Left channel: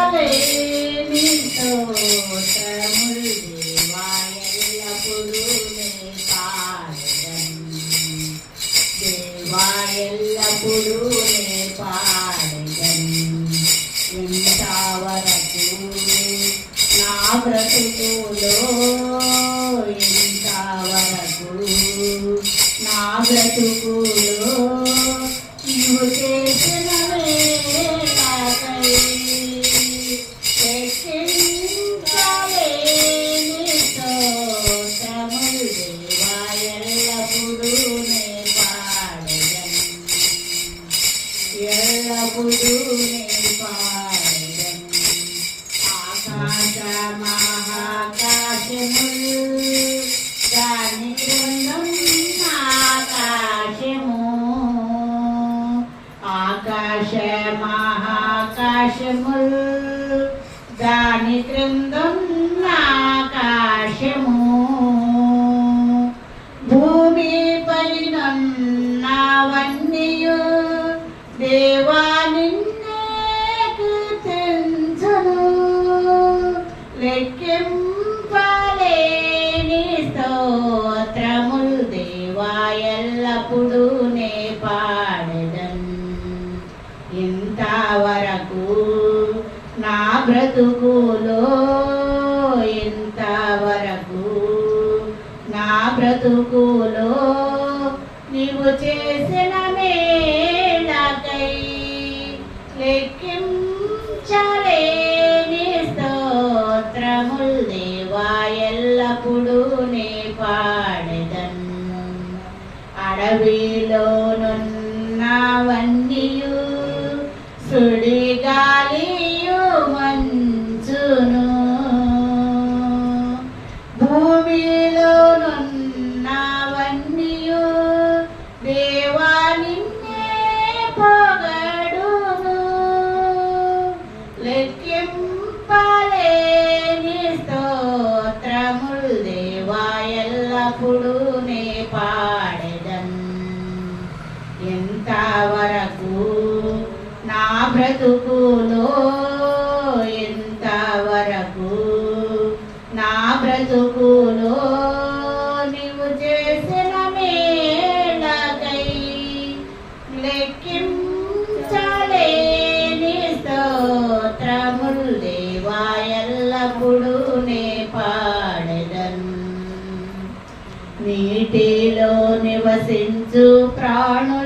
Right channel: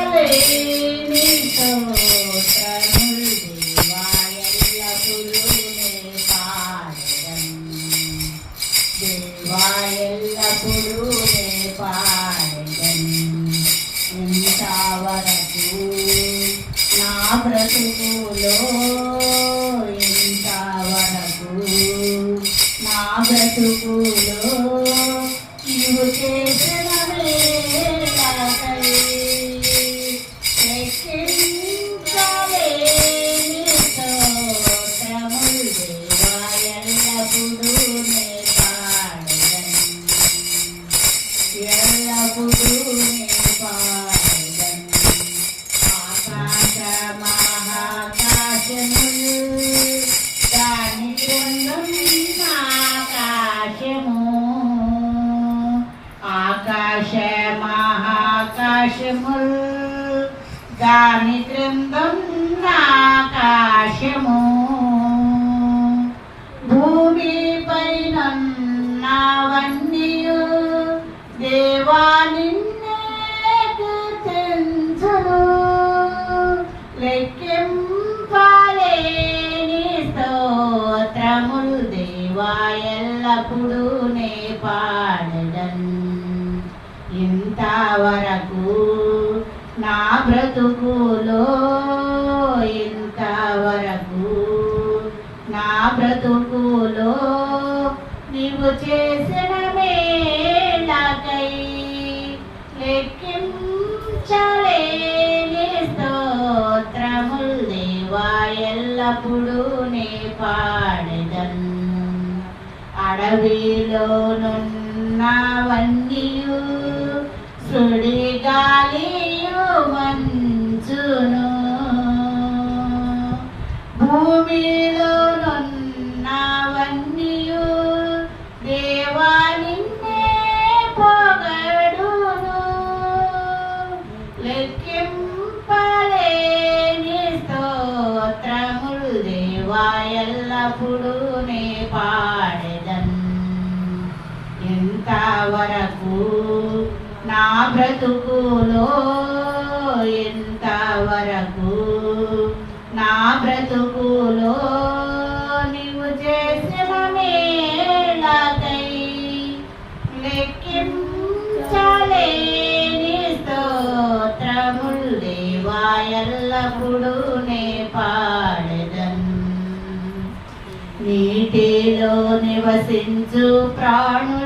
లెక్కించలేని స్తోత్రములు దేవా ఎల్లప్పుడూ నే పాడెదను దేవా ఎల్లప్పుడూ నే పాడెదను ఇంతవరకు నా బ్రతుకులో ఇంతవరకు నా బ్రతుకులో నీవు చేసిన మేలకై లెక్కించలేని స్తోత్రములు దేవా ఎల్లప్పుడూ నే పాడెదను ఎల్లప్పుడూ నే పాడెదను ఆకాశ మహాకాశములు దాని క్రిందున్న ఆకాశము ఆకాశ మహాకాశములు దాని క్రిందున్న ఆకాశము భూమి పైనన్నవన్నీయు దేవా నిన్నే కీర్తించును లెక్కింపలేని స్తోత్రములు దేవా ఎల్లప్పుడూ నే పాడెదను ఇంతవరకు నా బ్రతుకులో ఇంతవరకు నా బ్రతుకులో నీవు చేసిన మేలకై లెక్కించలేని స్తోత్రములు దేవా ఎల్లప్పుడూ నే పాడెదను అడవిలోనున్నవన్నీయు సుడిగాలియు మంచును భూమిలోనున్నవన్నీయు దేవా నిన్నే పొగడును లెక్కింపలేని స్తోత్రములు దేవా ఎల్లప్పుడూ నే పాడెదను ఇంతవరకు నా బ్రతుకులో ఇంతవరకు నా బ్రతుకులో నీవు చేసిన మేలకై లెక్కించలేని స్తోత్రములు దేవా ఎల్లప్పుడూ నే పాడెదను నీటిలో నివసించు ప్రాణు